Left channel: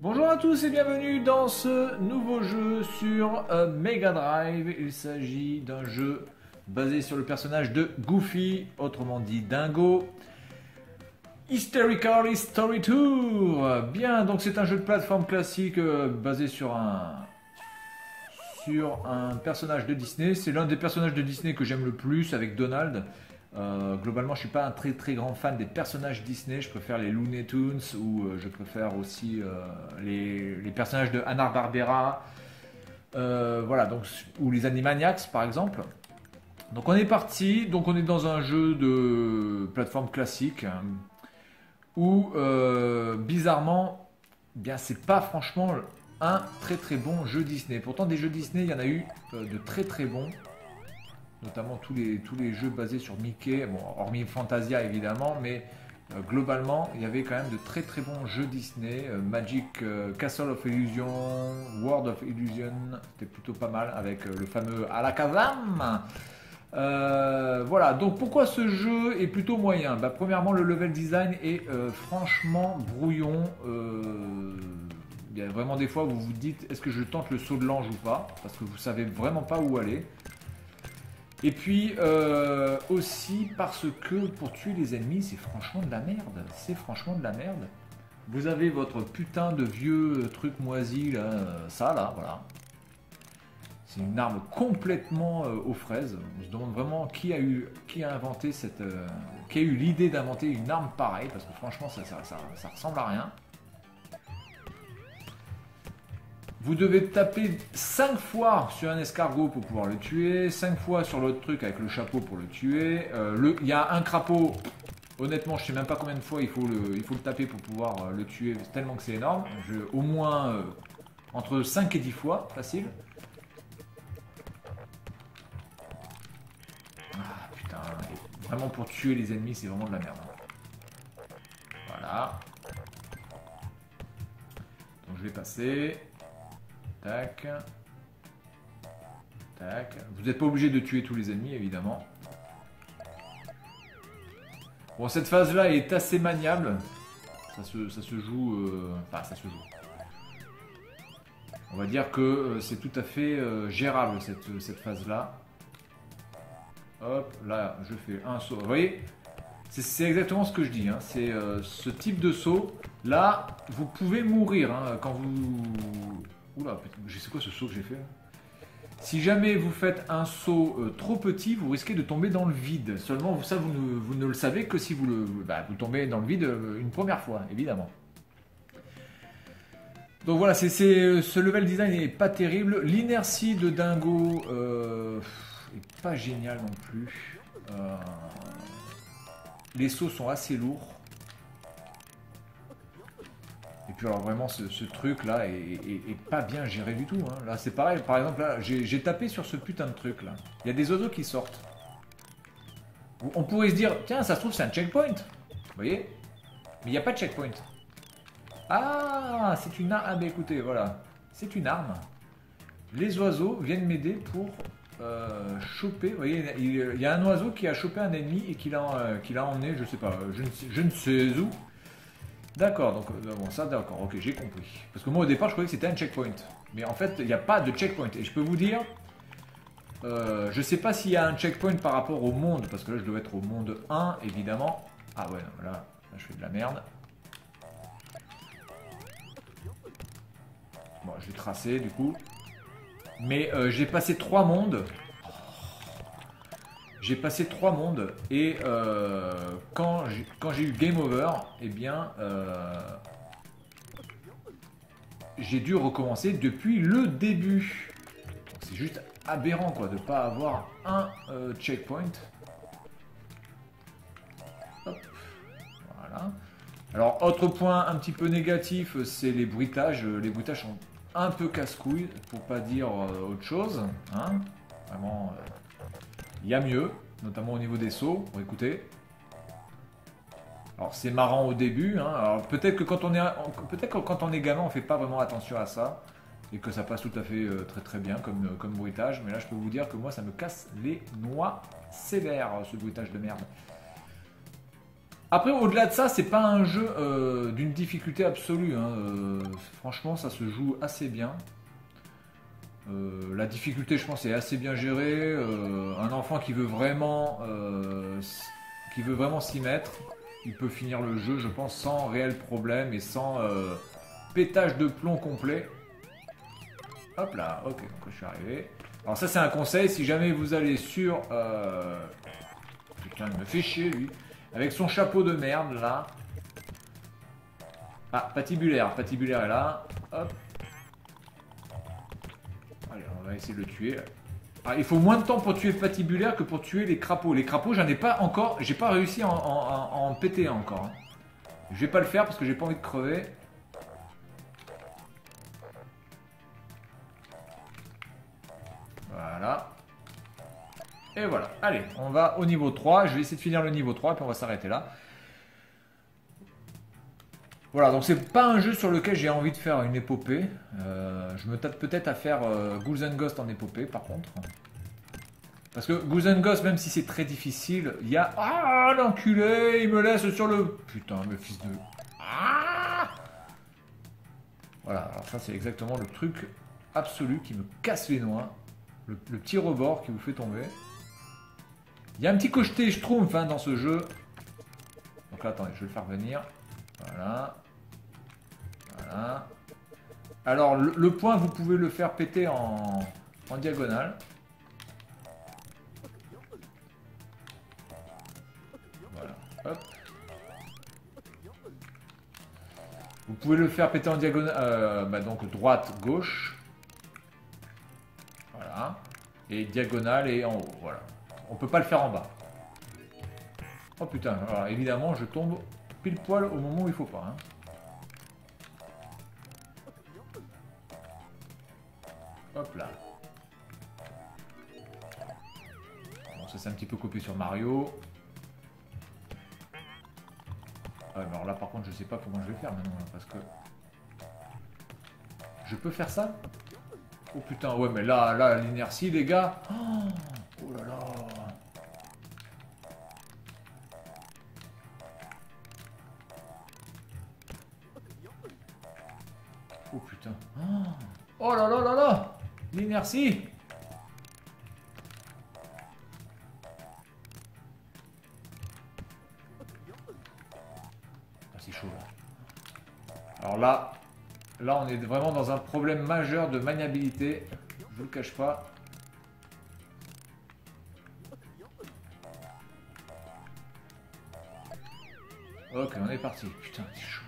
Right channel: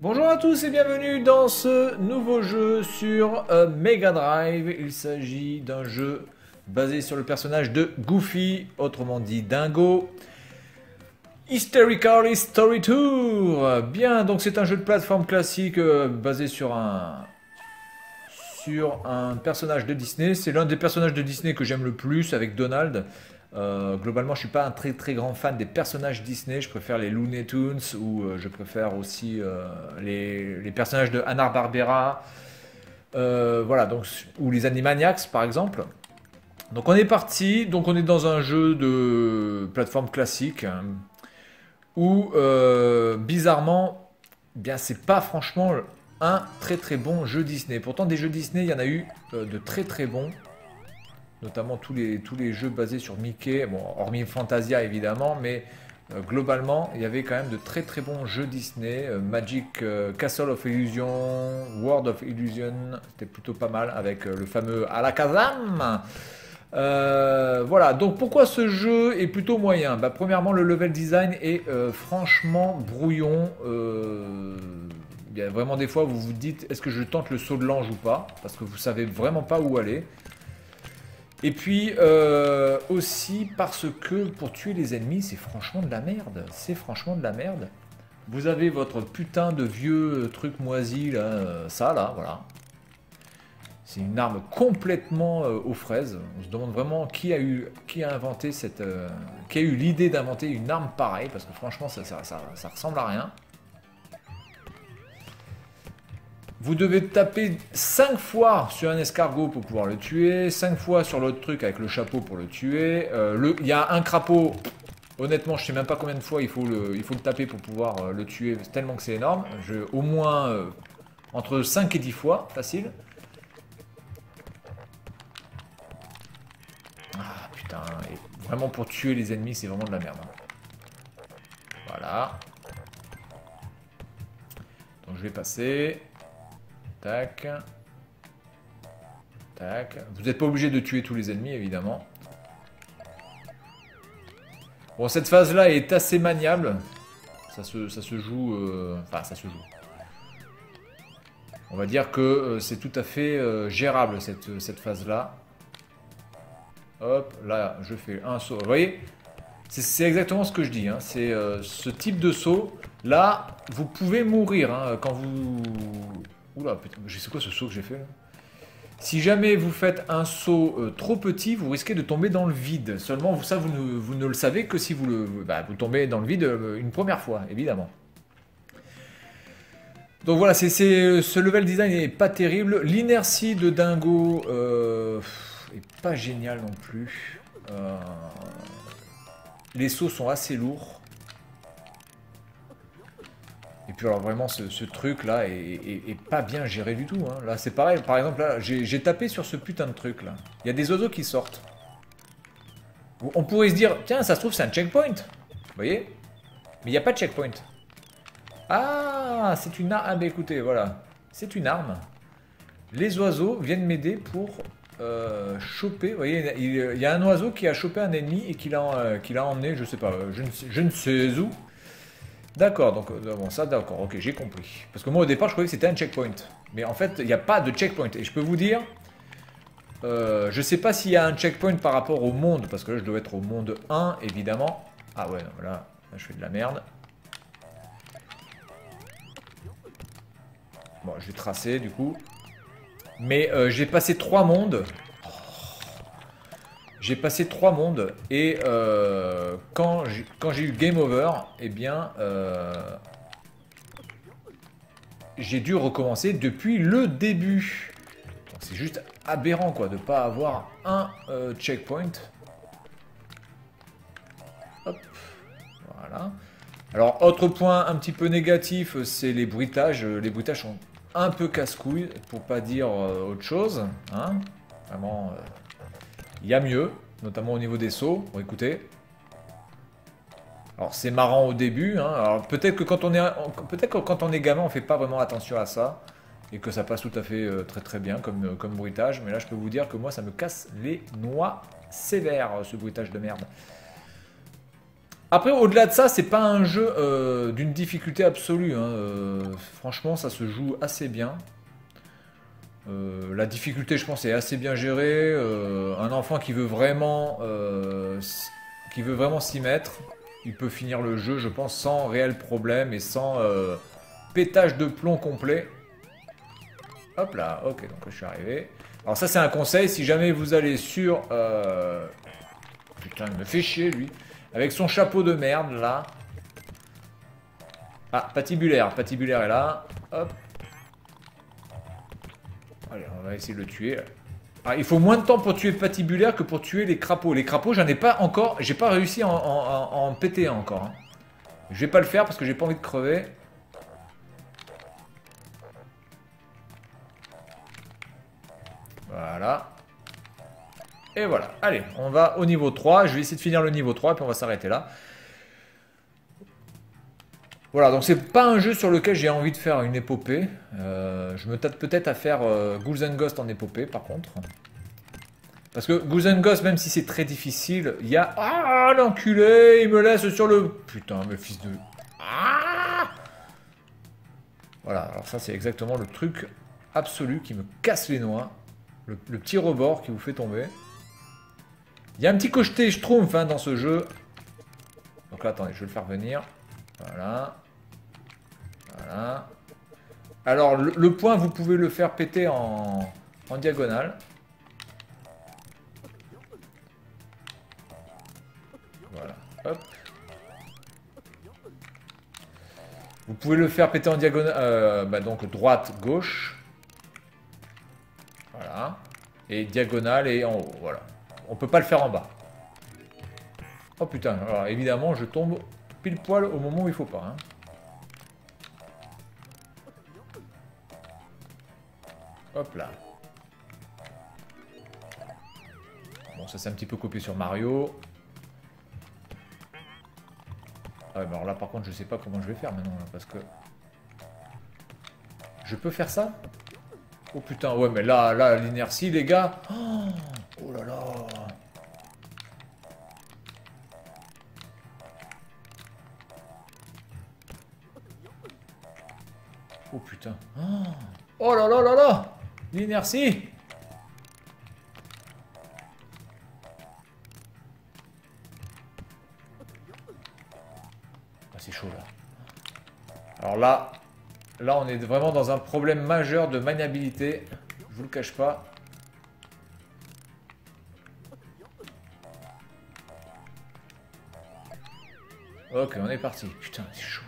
Bonjour à tous et bienvenue dans ce nouveau jeu sur Mega Drive. Il s'agit d'un jeu basé sur le personnage de Goofy, autrement dit Dingo. Hysterical Story Tour. Bien, donc c'est un jeu de plateforme classique basé sur un personnage de Disney. C'est l'un des personnages de Disney que j'aime le plus avec Donald. Globalement, je suis pas un très grand fan des personnages Disney. Je préfère les Looney Tunes ou je préfère aussi les personnages de Hanna-Barbera. Voilà, donc, ou les Animaniacs par exemple. Donc on est parti. Donc on est dans un jeu de plateforme classique hein, où bizarrement, eh bien c'est pas franchement un très bon jeu Disney. Pourtant des jeux Disney, il y en a eu de très bons. Notamment tous les jeux basés sur Mickey, bon, hormis Fantasia évidemment, mais globalement, il y avait quand même de très bons jeux Disney. Magic Castle of Illusion, World of Illusion, c'était plutôt pas mal avec le fameux Alakazam. Voilà, donc pourquoi ce jeu est plutôt moyen? Bah, premièrement, le level design est franchement brouillon. Il y a vraiment des fois où vous vous dites est-ce que je tente le saut de l'ange ou pas? Parce que vous savez vraiment pas où aller. Et puis aussi parce que pour tuer les ennemis, c'est franchement de la merde. C'est franchement de la merde. Vous avez votre putain de vieux truc moisi là, ça là, voilà. C'est une arme complètement aux fraises. On se demande vraiment qui a inventé qui a eu l'idée d'inventer une arme pareille, parce que franchement ça ressemble à rien. Vous devez taper 5 fois sur un escargot pour pouvoir le tuer, 5 fois sur l'autre truc avec le chapeau pour le tuer. Il y a un crapaud, honnêtement je sais même pas combien de fois il faut le taper pour pouvoir le tuer, tellement que c'est énorme. Au moins entre 5 et 10 fois, facile. Ah putain, vraiment pour tuer les ennemis c'est vraiment de la merde. Voilà. Donc je vais passer. Tac. Tac. Vous n'êtes pas obligé de tuer tous les ennemis, évidemment. Bon, cette phase-là est assez maniable. Ça se joue... Enfin, ça se joue. On va dire que c'est tout à fait gérable, cette phase-là. Hop, là, je fais un saut. Vous voyez? C'est exactement ce que je dis. Hein. C'est ce type de saut. Là, vous pouvez mourir hein, quand vous... Oula, putain, je sais quoi ce saut que j'ai fait là. Si jamais vous faites un saut trop petit, vous risquez de tomber dans le vide. Seulement, ça, vous ne le savez que si vous vous tombez dans le vide une première fois, évidemment. Donc voilà, ce level design n'est pas terrible. L'inertie de Dingo est pas géniale non plus. Les sauts sont assez lourds. Et puis alors vraiment ce truc là est pas bien géré du tout. Hein. Là c'est pareil, par exemple là j'ai tapé sur ce putain de truc là. Il y a des oiseaux qui sortent. On pourrait se dire, tiens ça se trouve c'est un checkpoint. Vous voyez? Mais il n'y a pas de checkpoint. Ah c'est une arme. Ah bah écoutez voilà. C'est une arme. Les oiseaux viennent m'aider pour choper. Vous voyez, il y a un oiseau qui a chopé un ennemi et qui l'a emmené, je sais pas, je ne sais où. D'accord, donc bon, ça d'accord, ok, j'ai compris. Parce que moi au départ je croyais que c'était un checkpoint. Mais en fait il n'y a pas de checkpoint. Et je peux vous dire, je sais pas s'il y a un checkpoint par rapport au monde, parce que là je dois être au monde 1 évidemment. Ah ouais, non, là je fais de la merde. Bon, je vais tracer du coup. Mais j'ai passé 3 mondes. J'ai passé 3 mondes et quand j'ai eu Game Over, eh bien, j'ai dû recommencer depuis le début. C'est juste aberrant quoi, de ne pas avoir un checkpoint. Hop, voilà. Alors, autre point un petit peu négatif, c'est les bruitages. Les bruitages sont un peu casse-couilles, pour pas dire autre chose. Hein. Vraiment... il y a mieux, notamment au niveau des sauts. Bon, écoutez. Alors c'est marrant au début. Hein. Alors peut-être que quand on est gamin, on fait pas vraiment attention à ça et que ça passe tout à fait très bien comme bruitage. Mais là, je peux vous dire que moi, ça me casse les noix sévères, ce bruitage de merde. Après, au-delà de ça, c'est pas un jeu d'une difficulté absolue, hein. Franchement, ça se joue assez bien. La difficulté, je pense, est assez bien gérée. Un enfant qui veut vraiment s'y mettre, il peut finir le jeu, je pense, sans réel problème et sans pétage de plomb complet. Hop là, ok, donc je suis arrivé. Alors ça, c'est un conseil, si jamais vous allez sur... Putain, il me fait chier, lui. Avec son chapeau de merde, là. Ah, patibulaire. Patibulaire est là. Hop. Allez, on va essayer de le tuer. Ah, il faut moins de temps pour tuer patibulaire que pour tuer les crapauds. Les crapauds, j'en ai pas encore... J'ai pas réussi à en péter un encore, hein. Je vais pas le faire parce que j'ai pas envie de crever. Voilà. Et voilà. Allez, on va au niveau 3. Je vais essayer de finir le niveau 3 et puis on va s'arrêter là. Voilà, donc c'est pas un jeu sur lequel j'ai envie de faire une épopée. Je me tâte peut-être à faire Ghouls and Ghosts en épopée par contre. Parce que Ghouls and Ghosts, même si c'est très difficile, il y a... Ah, l'enculé, il me laisse sur le... Putain, le fils de... Ah, voilà, alors ça c'est exactement le truc absolu qui me casse les noix. Le petit rebord qui vous fait tomber. Il y a un petit côté schtroumpf hein, dans ce jeu. Donc là, attendez, je vais le faire venir. Voilà. Voilà. Alors, le point, vous pouvez le faire péter en diagonale. Voilà. Hop. Vous pouvez le faire péter en diagonale. Donc, droite, gauche. Voilà. Et diagonale et en haut. Voilà. On peut pas le faire en bas. Oh putain. Alors, évidemment, je tombe pile poil au moment où il faut pas. Hein. Hop là. Bon, ça c'est un petit peu copié sur Mario. Ouais, mais alors là par contre je sais pas comment je vais faire maintenant parce que... Je peux faire ça? Oh putain, ouais mais là l'inertie les gars. Oh, oh là là. Oh putain. Oh là là là là. L'inertie. Ah, c'est chaud là. Alors là on est vraiment dans un problème majeur de maniabilité. Je vous le cache pas. Ok, on est parti. Putain, c'est chaud.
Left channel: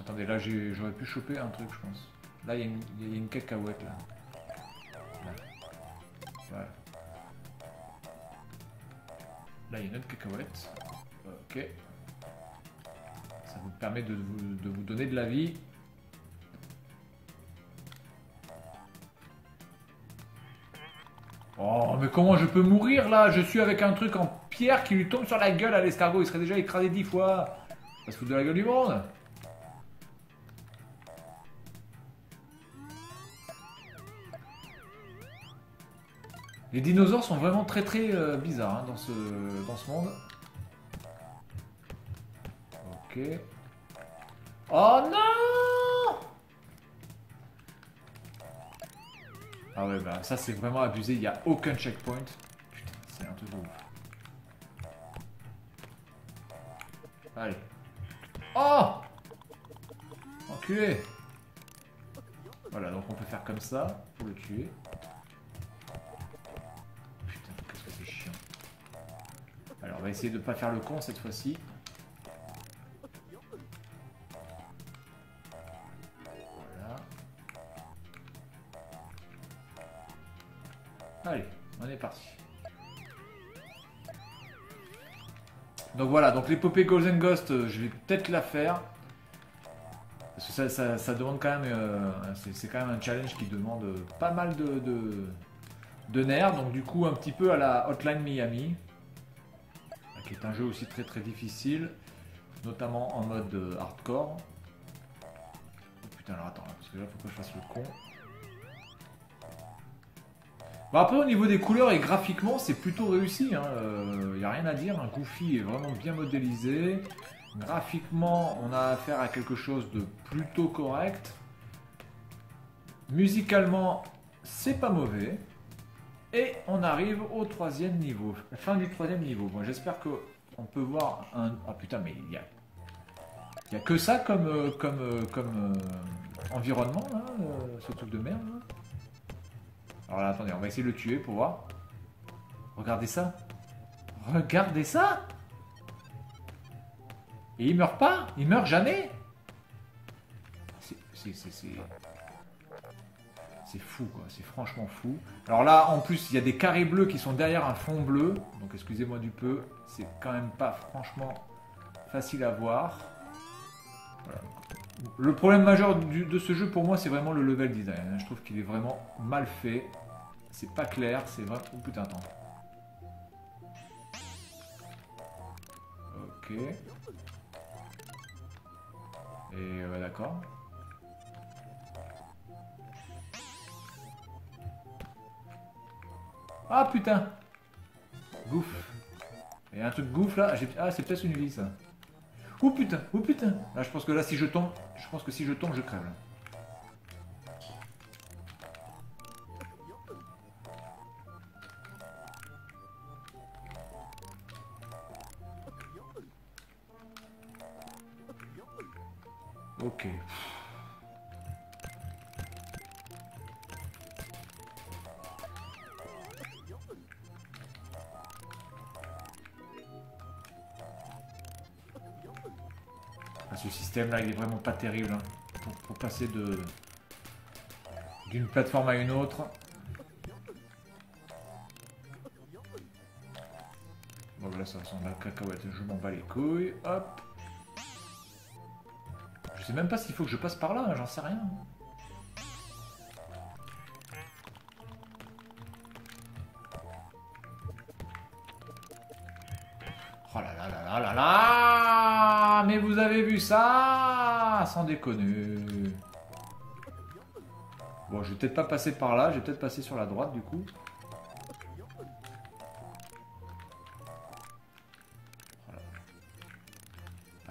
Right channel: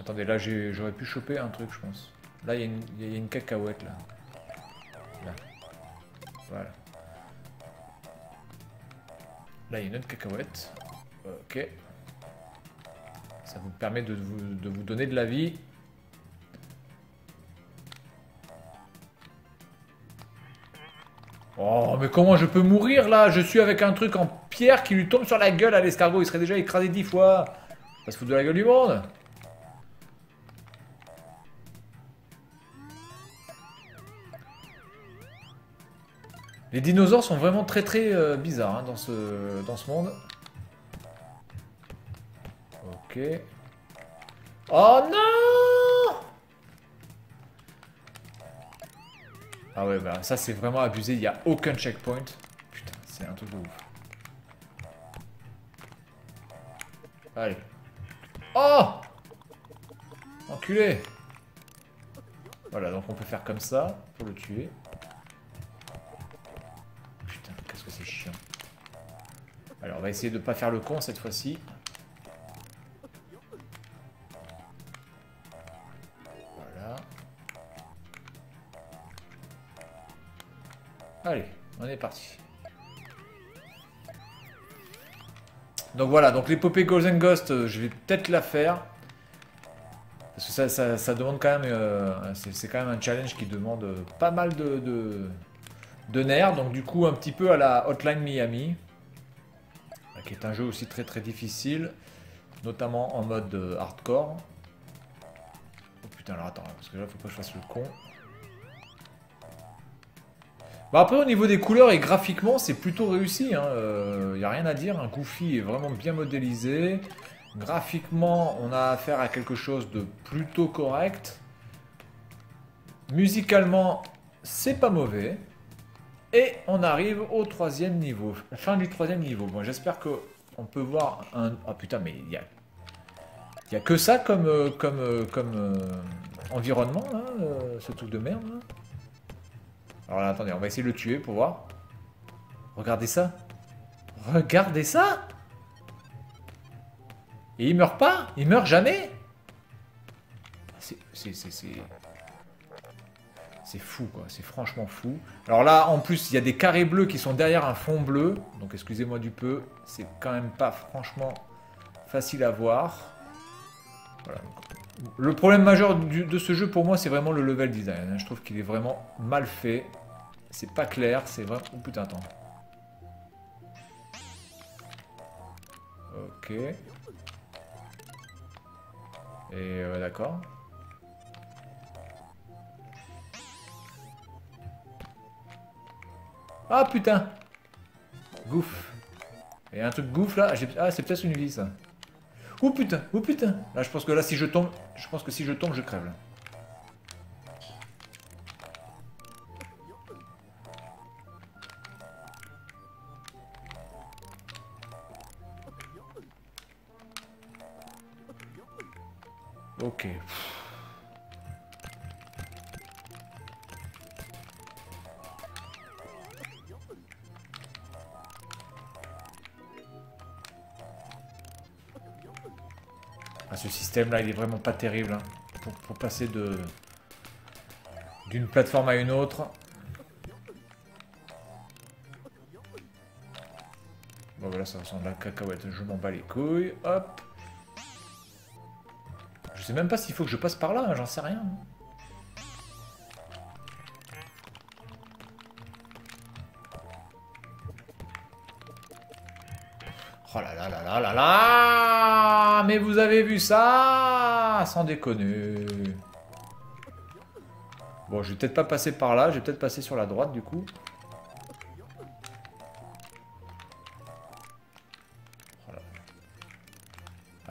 Attendez, là j'aurais pu choper un truc, je pense. Là, il y a une cacahuète là. Là. Voilà. Là, il y a une autre cacahuète. Ok. Ça vous permet de vous donner de la vie. Oh, mais comment je peux mourir là? Je suis avec un truc en pierre qui lui tombe sur la gueule à l'escargot. Il serait déjà écrasé 10 fois. Ça se fout de la gueule du monde. Les dinosaures sont vraiment très très bizarres hein, dans ce monde. Ok. Oh non! Ah ouais, bah ça c'est vraiment abusé, il n'y a aucun checkpoint. Putain, c'est un truc de ouf. Allez. Oh! Enculé! Voilà, donc on peut faire comme ça pour le tuer. Putain, qu'est-ce que c'est chiant. Alors on va essayer de ne pas faire le con cette fois-ci. Voilà. Allez, on est parti. Donc voilà, donc l'épopée Ghouls and Ghosts, je vais peut-être la faire. Parce que ça demande quand même... c'est quand même un challenge qui demande pas mal de nerfs. Donc du coup, un petit peu à la Hotline Miami. Qui est un jeu aussi très très difficile. Notamment en mode hardcore. Oh putain, alors attends, parce que là, faut pas que je fasse le con. Bah après, au niveau des couleurs et graphiquement, c'est plutôt réussi. Il n'y a rien à dire. Un Goofy est vraiment bien modélisé. Graphiquement, on a affaire à quelque chose de plutôt correct. Musicalement, c'est pas mauvais. Et on arrive au troisième niveau. La fin du troisième niveau. Bon, j'espère que on peut voir un... Ah putain, mais il y a que ça comme environnement, là, ce truc de merde. Là. Alors là, attendez, on va essayer de le tuer pour voir. Regardez ça. Regardez ça. Et il meurt pas. Il meurt jamais. C'est fou, quoi. C'est franchement fou. Alors là, en plus, il y a des carrés bleus qui sont derrière un fond bleu. Donc, excusez-moi du peu. C'est quand même pas franchement facile à voir. Voilà. Le problème majeur de ce jeu, pour moi, c'est vraiment le level design. Je trouve qu'il est vraiment mal fait. C'est pas clair. C'est vraiment... Oh putain, attends. Ok. Et d'accord. Ah putain! Gouffre. Il y a un truc gouffre là. Ah, c'est peut-être une vie ça. Oh putain! Oh putain! Là, je pense que là, si je tombe, je pense que si je tombe, je crève là. Ok. Ce système là il est vraiment pas terrible hein, pour passer d'une plateforme à une autre. Bon voilà ça ressemble à la cacahuète, je m'en bats les couilles, hop. Je sais même pas s'il faut que je passe par là, hein, j'en sais rien. Oh là là là là là là. Mais vous avez vu ça? Sans déconner. Bon, je vais peut-être pas passer par là, je vais peut-être passer sur la droite du coup. Voilà.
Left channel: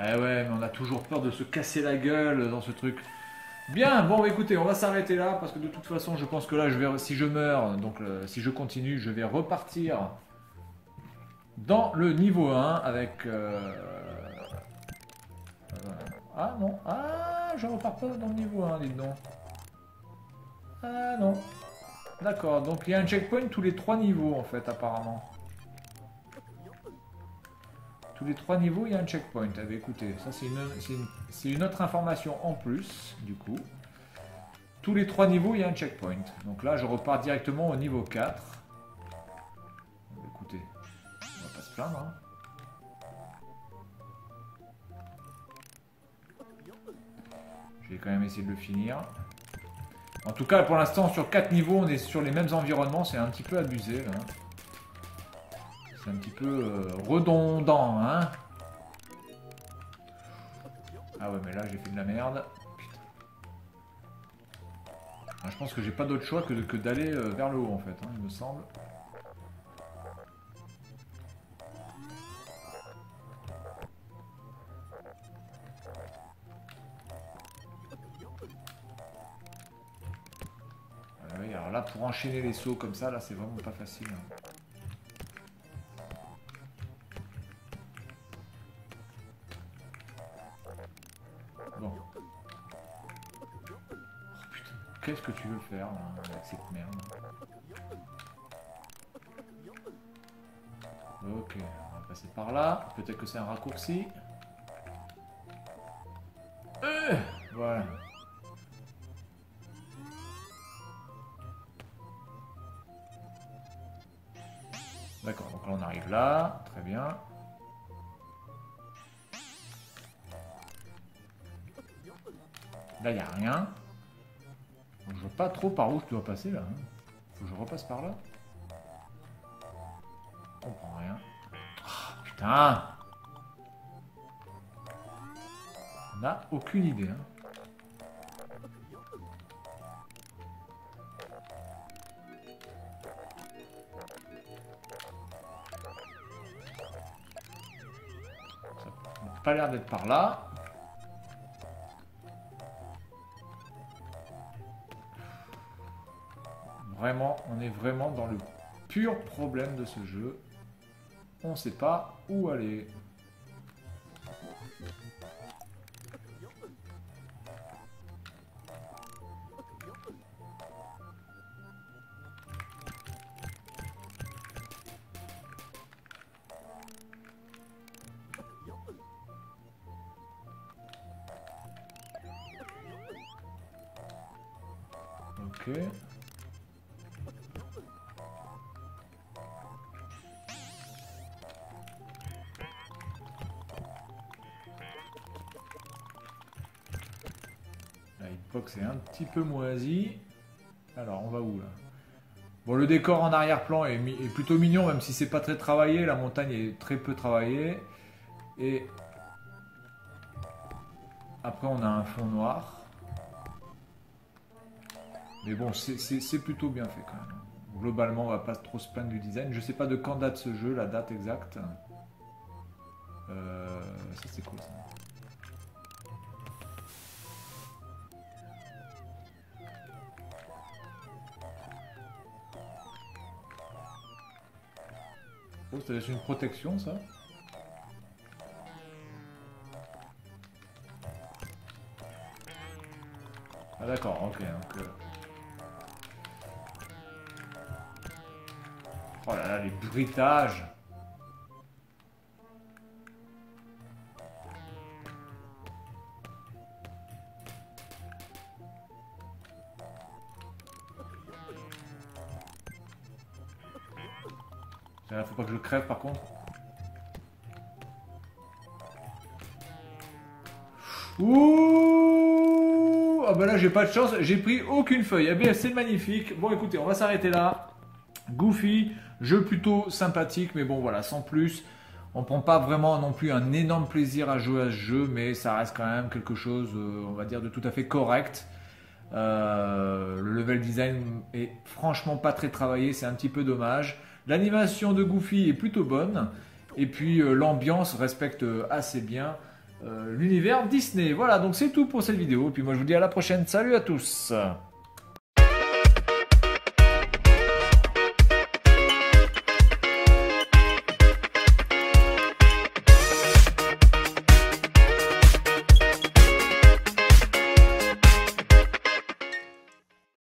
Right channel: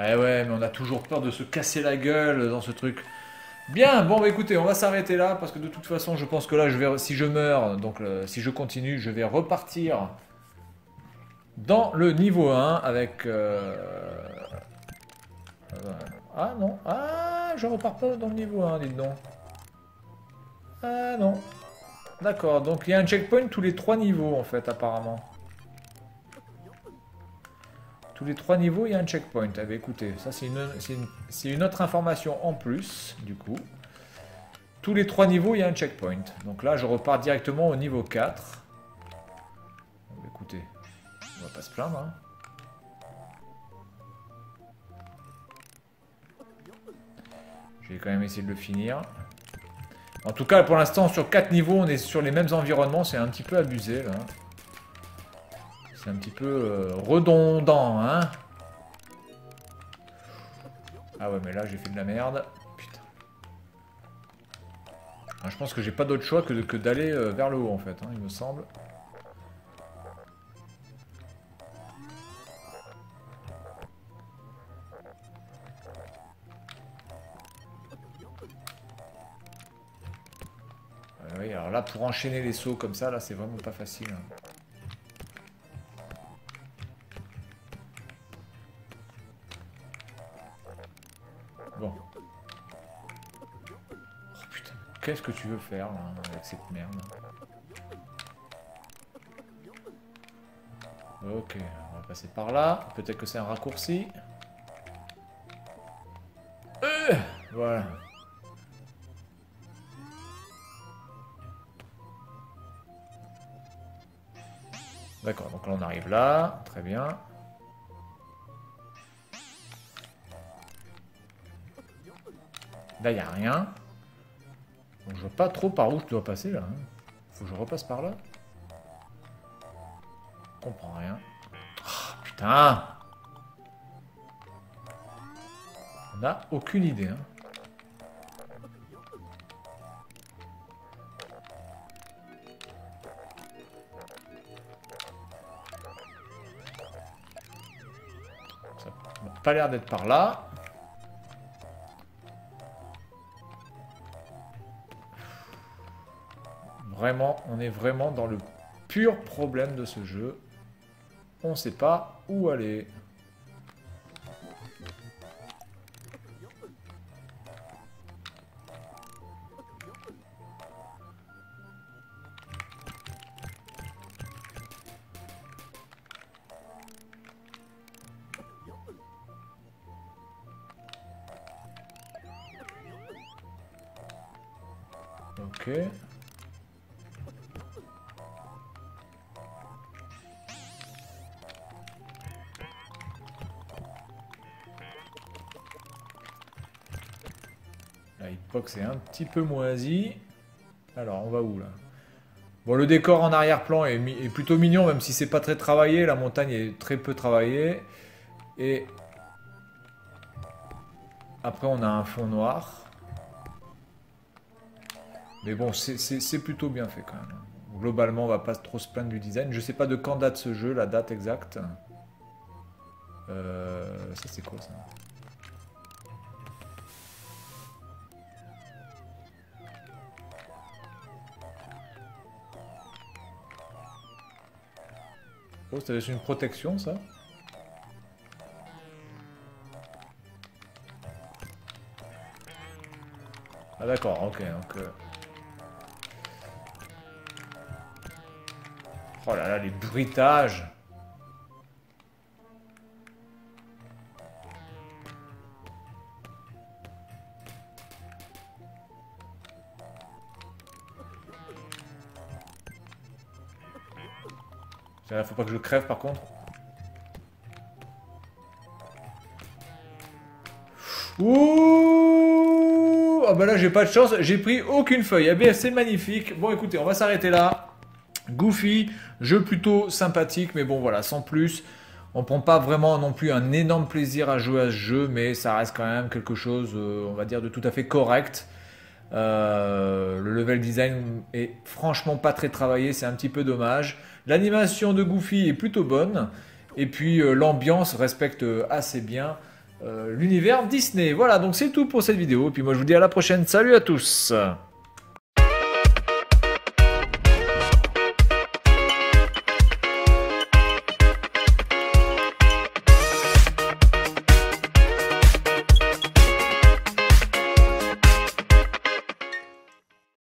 Eh ouais, mais on a toujours peur de se casser la gueule dans ce truc. Bien, bon bah, écoutez, on va s'arrêter là parce que de toute façon, je pense que là, si je meurs, donc si je continue, je vais repartir dans le niveau 1 avec... Ah non, ah, je repars pas dans le niveau 1, dites donc. Ah non. D'accord, donc il y a un checkpoint tous les 3 niveaux en fait, apparemment. Tous les 3 niveaux, il y a un checkpoint. Eh bien, écoutez, ça c'est une autre information en plus, du coup. Tous les 3 niveaux, il y a un checkpoint. Donc là, je repars directement au niveau 4. Écoutez, on va pas se plaindre. Hein. Je vais quand même essayer de le finir. En tout cas, pour l'instant, sur 4 niveaux, on est sur les mêmes environnements. C'est un petit peu abusé, là. C'est un petit peu redondant, hein. Ah ouais, mais là, j'ai fait de la merde. Putain. Alors, je pense que j'ai pas d'autre choix que d'aller vers le haut, en fait, hein, il me semble. Oui, alors là, pour enchaîner les sauts comme ça, là, c'est vraiment pas facile. Hein. Bon. Oh putain, qu'est-ce que tu veux faire là, avec cette merde? Ok, on va passer par là. Peut-être que c'est un raccourci. Voilà. D'accord, donc là on arrive là. Très bien. Là, il n'y a rien. Donc, je vois pas trop par où je dois passer là. Hein. Faut que je repasse par là. Je comprends rien. Oh, putain! On n'a aucune idée. Hein. Pas l'air d'être par là. Vraiment, on est vraiment dans le pur problème de ce jeu. On ne sait pas où aller. Ok. La hitbox est un petit peu moisi. Alors, on va où là? Bon, le décor en arrière-plan est plutôt mignon, même si c'est pas très travaillé. La montagne est très peu travaillée. Et après, on a un fond noir. Mais bon, c'est plutôt bien fait quand même. Globalement, on va pas trop se plaindre du design. Je sais pas de quand date ce jeu, la date exacte. Ça, c'est quoi ça? Oh, ça laisse une protection, ça? Ah d'accord, ok. Donc, oh là là, les bruitages! Faut pas que je crève par contre. Ouh! Ah bah là j'ai pas de chance, j'ai pris aucune feuille. Eh bien c'est magnifique. Bon écoutez, on va s'arrêter là. Goofy, jeu plutôt sympathique, mais bon voilà, sans plus. On prend pas vraiment non plus un énorme plaisir à jouer à ce jeu, mais ça reste quand même quelque chose, on va dire, de tout à fait correct. Le level design est franchement pas très travaillé, c'est un petit peu dommage. L'animation de Goofy est plutôt bonne. Et puis l'ambiance respecte assez bien l'univers Disney. Voilà, donc c'est tout pour cette vidéo. Et puis moi je vous dis à la prochaine. Salut à tous!